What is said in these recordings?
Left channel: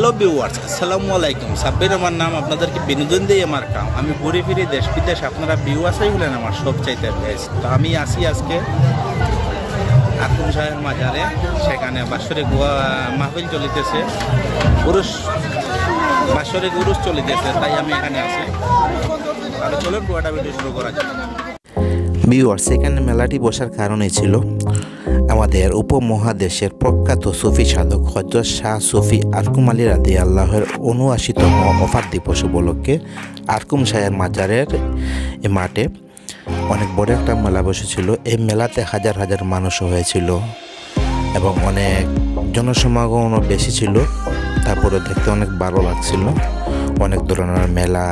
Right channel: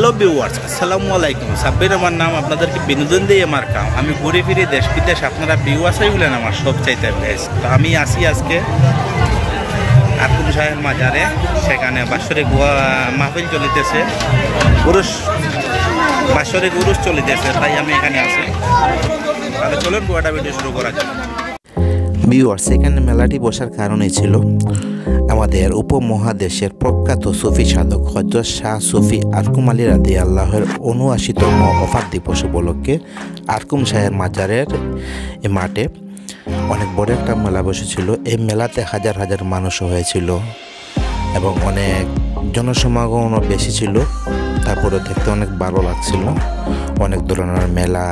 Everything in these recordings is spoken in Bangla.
হ্যালো ভিউয়ার্স, আসসালামু আলাইকুম। সাব্বির আমার নাম, আপনাদেরকে বিনোদন দিয়ে আমার কাম। আমি ঘুরে ফিরে দেশ বিদেশ, আপনারা ভিউয়ার্সই হলেন আমার সবচাইতে বেস্ট। তো আমি আসি আজকে আরকুম শাহের মাজারে, সেখানে বাৎসরিক মাহফিল চলিতেছে, বাৎসরিক উরুস চলিতেছে, তাই আমি এখানে আসি। তাহলে চলুন গোয়াটা ভিডিও শুরু করা যাক। ভিউয়ার্স, এখানে মেলাটি বসার কারণই ছিল আমাদের উপমহাদেশের প্রখ্যাত সুফি সাধক হযরত শাহ সুফি আরকুম আলী রাদিয়াল্লাহুর ৭৯তম ওফাত দিবস উপলক্ষে আরকুম শাহের মাজারের মাঠে অনেক বড় একটা মেলা বসেছিল। এই মেলাতে হাজার হাজার মানুষ হয়েছিল এবং অনেক জনসমাগমও বেশি ছিল। তারপরে দেখতে অনেক ভালো লাগছিল। অনেক ধরনের মেলা,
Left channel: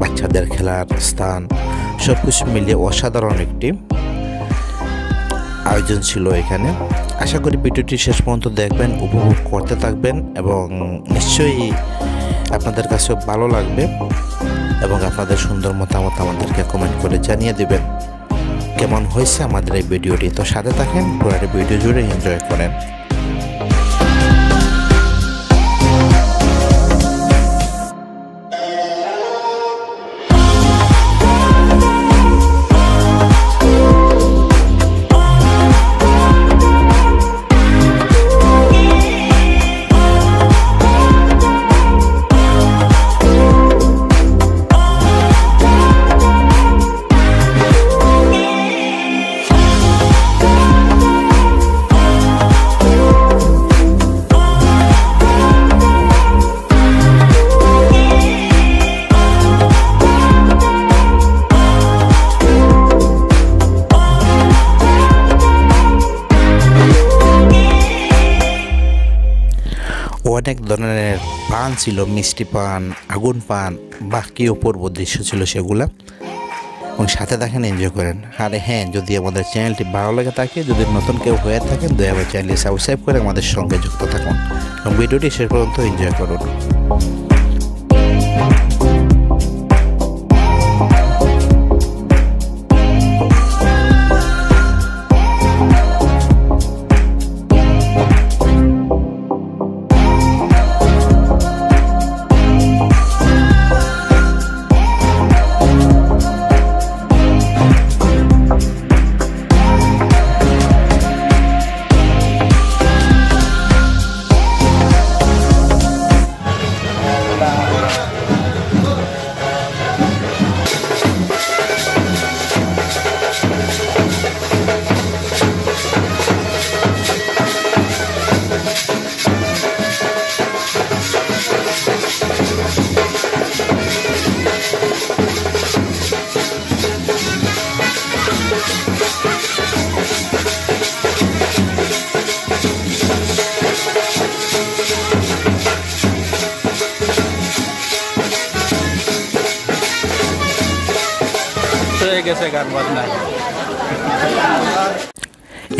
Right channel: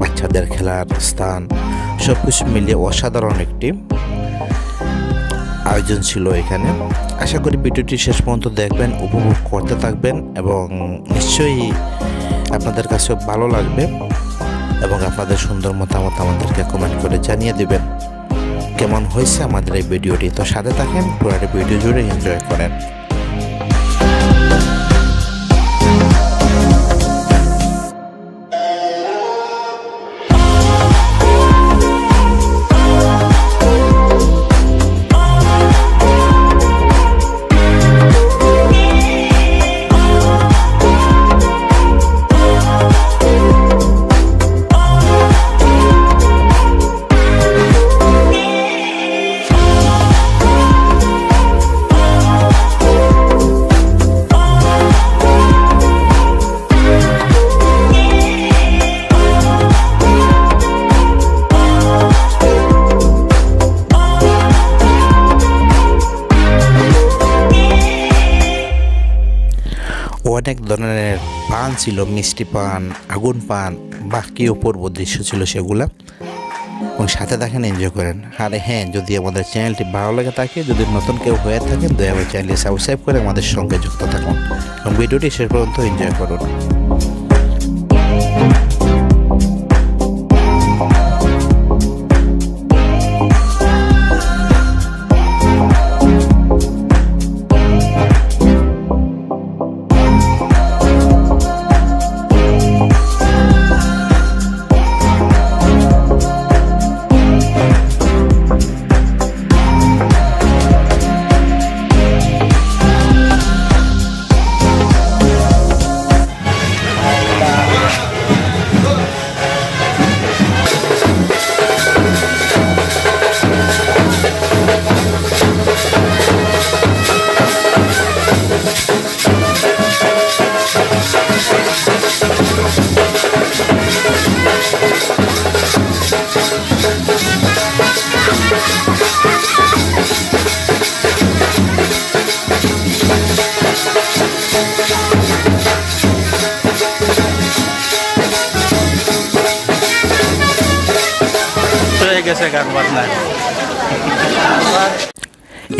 বাচ্চাদের খেলার স্থান, সব কিছু মিলিয়ে অসাধারণ একটি আয়োজন ছিল এখানে। আশা করি ভিডিওটি শেষ পর্যন্ত দেখবেন, উপভোগ করতে থাকবেন এবং নিশ্চয়ই আপনাদের কাছেও ভালো লাগবে এবং আপনাদের সুন্দর মতামত আমাদেরকে কমেন্ট করে জানিয়ে দিবেন কেমন হয়েছে আমাদের এই ভিডিওটি। তো সাথে থাকেন, পুরো ভিডিও জুড়ে এনজয় করেন। অনেক ধরনের পান ছিল, মিষ্টি পান, আগুন পান, বাকি অপূর্ব দৃশ্য ছিল সেগুলা, এবং সাথে দেখেন, এনজয় করেন। আর হ্যাঁ, যদি আমাদের চ্যানেলটি ভালো লাগে থাকে, যদি নতুন কেউ হয়ে থাকেন, দয়া করে চ্যানেলটি সাবস্ক্রাইব করে আমাদের সঙ্গে যুক্ত থাকুন এবং ভিডিওটি শেষ পর্যন্ত এনজয় করুন।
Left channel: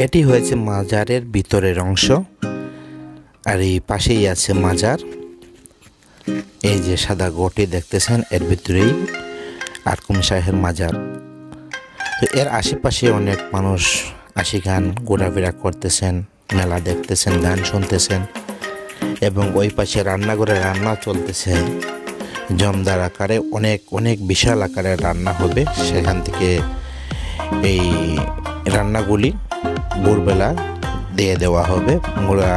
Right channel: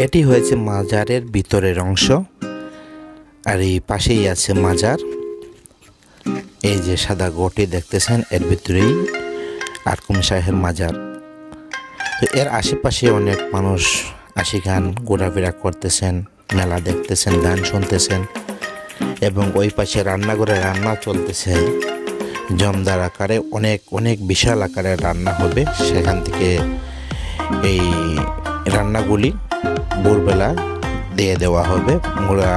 এটি হয়েছে মাজারের ভিতরের অংশ, আর এই পাশেই আছে মাজার। এই যে সাদা গটি দেখতেছেন, এর ভিতরেই আরকুম শাহের মাজার। তো এর আশেপাশে অনেক মানুষ গান ঘোরাফেরা করতেছেন, মেলা দেখতেছেন, গান শুনতেছেন, এবং ওই পাশে রান্নাঘরে রান্না চলতেছে জমদার আকারে। অনেক অনেক বিশাল আকারের রান্না হবে। সেখান থেকে এই রান্নাগুলি ভোরবেলা দিয়ে দেওয়া হবে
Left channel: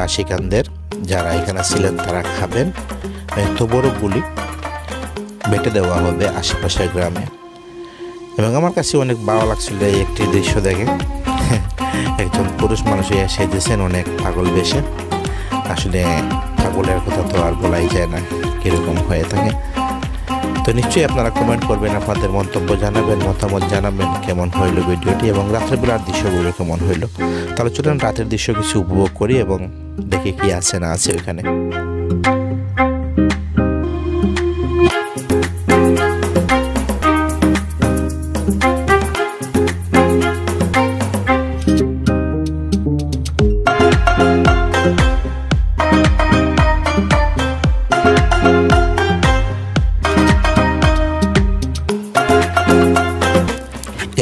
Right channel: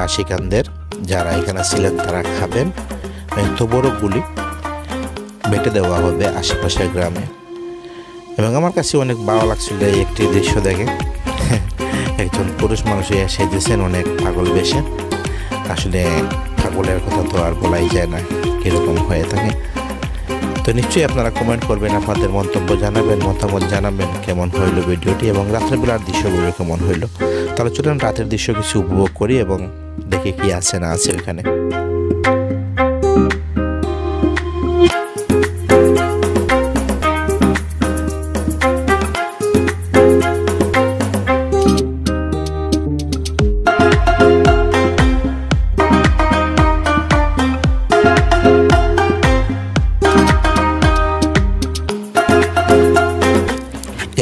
আশিকানদের, যারা এখানে ছিলেন তারা খাবেন। এত বড়গুলি বেটে দেওয়া হবে আশেপাশের গ্রামে। এবং আমার কাছে অনেক ভালো লাগছিল এই একটি দৃশ্য দেখে। একজন পুরুষ মানুষ সেজেছেন অনেক পাগল বেশে। আসলে পাগলের কথা তো আর বলাই যায় না, কীরকম হয়ে থাকে। তো নিশ্চয়ই আপনারা কমেন্ট করবেন, আপনাদের মন্তব্য জানাবেন, মতামত জানাবেন কেমন হইল ভিডিওটি এবং রাত্রেবেলার দৃশ্যগুলো কেমন হইল। তাহলে চলুন রাতের দৃশ্য কিছু উপভোগ করি এবং দেখি কি আছে না আছে ওইখানে।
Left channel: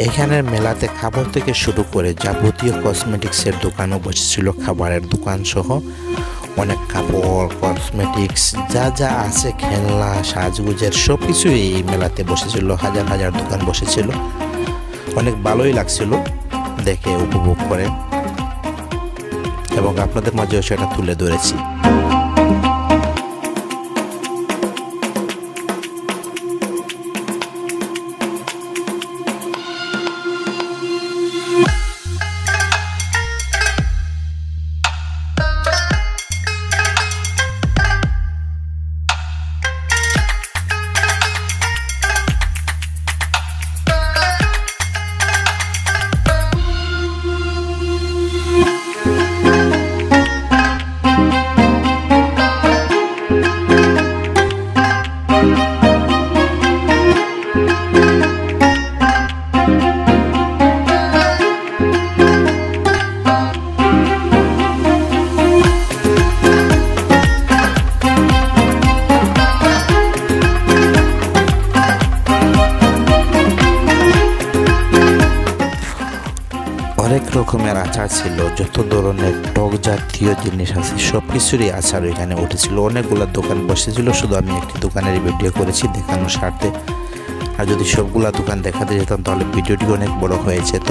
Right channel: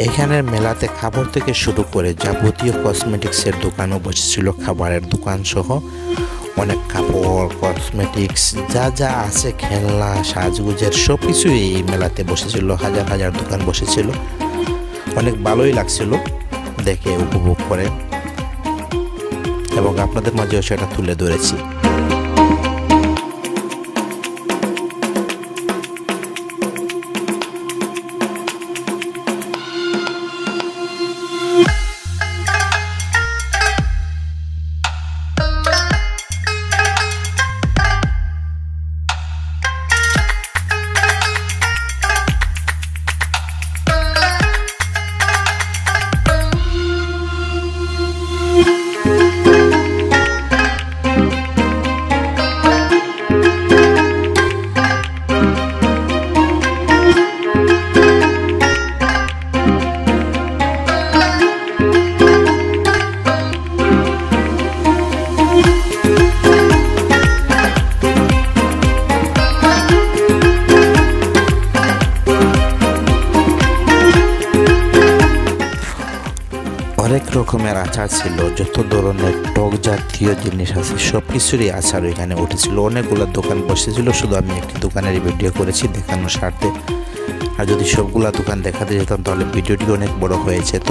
এখানের মেলাতে খাবার থেকে শুরু করে যাবতীয় কসমেটিক্সের দোকানও বসেছিল, খাবারের দোকান সহ অনেক কাপড়, কসমেটিক্স, যা যা আছে, খেলনা, সাজগুজের সব কিছুই এই মেলাতে বসেছিল। হাজার হাজার দোকান বসেছিল। অনেক ভালোই লাগছিল দেখে, উপভোগ করে, এবং আপনাদের মাঝেও সেটা তুলে ধরেছি। অনেক রকমের আচার ছিল, যত ধরনের টক জাতীয় জিনিস আছে সব কিছুরই আচার এখানে উঠেছিল। অনেকগুলো দোকান বসেছিল, শুধু আমি একটি দোকানের ভিডিও করেছি দেখানোর স্বার্থে। আর যদি সবগুলা দোকান দেখাতে যেতাম তাহলে ভিডিওটি অনেক বড় হয়ে যেত।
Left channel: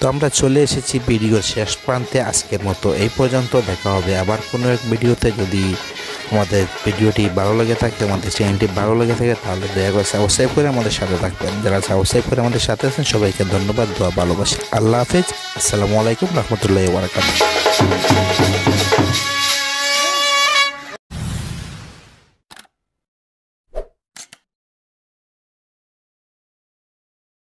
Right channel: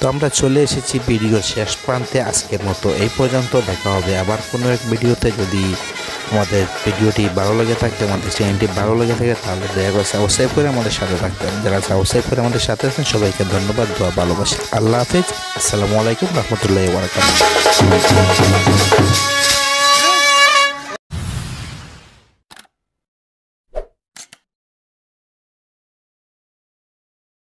তো আমরা চলে এসেছি ভিডিওর শেষ প্রান্তে আজকের মতো। এই পর্যন্ত, দেখা হবে আবার কোনো এক ভিডিওতে। যদি আমাদের ভিডিওটি ভালো লেগে থাকে, আমাদের চ্যানেলটি ভালো লেগে থাকে, তাহলে দয়া করে সাবস্ক্রাইব করে আমাদের সাথে থাকবেন। যারা সাবস্ক্রাইব করে আমাদের সাথে আছেন সবাইকে ধন্যবাদ, দোয়া, ভালোবাসা। আল্লাহ হাফেজ। আসসালামু আলাইকুম রহমতুল্লাহি ওয়া বারাকাতুহু।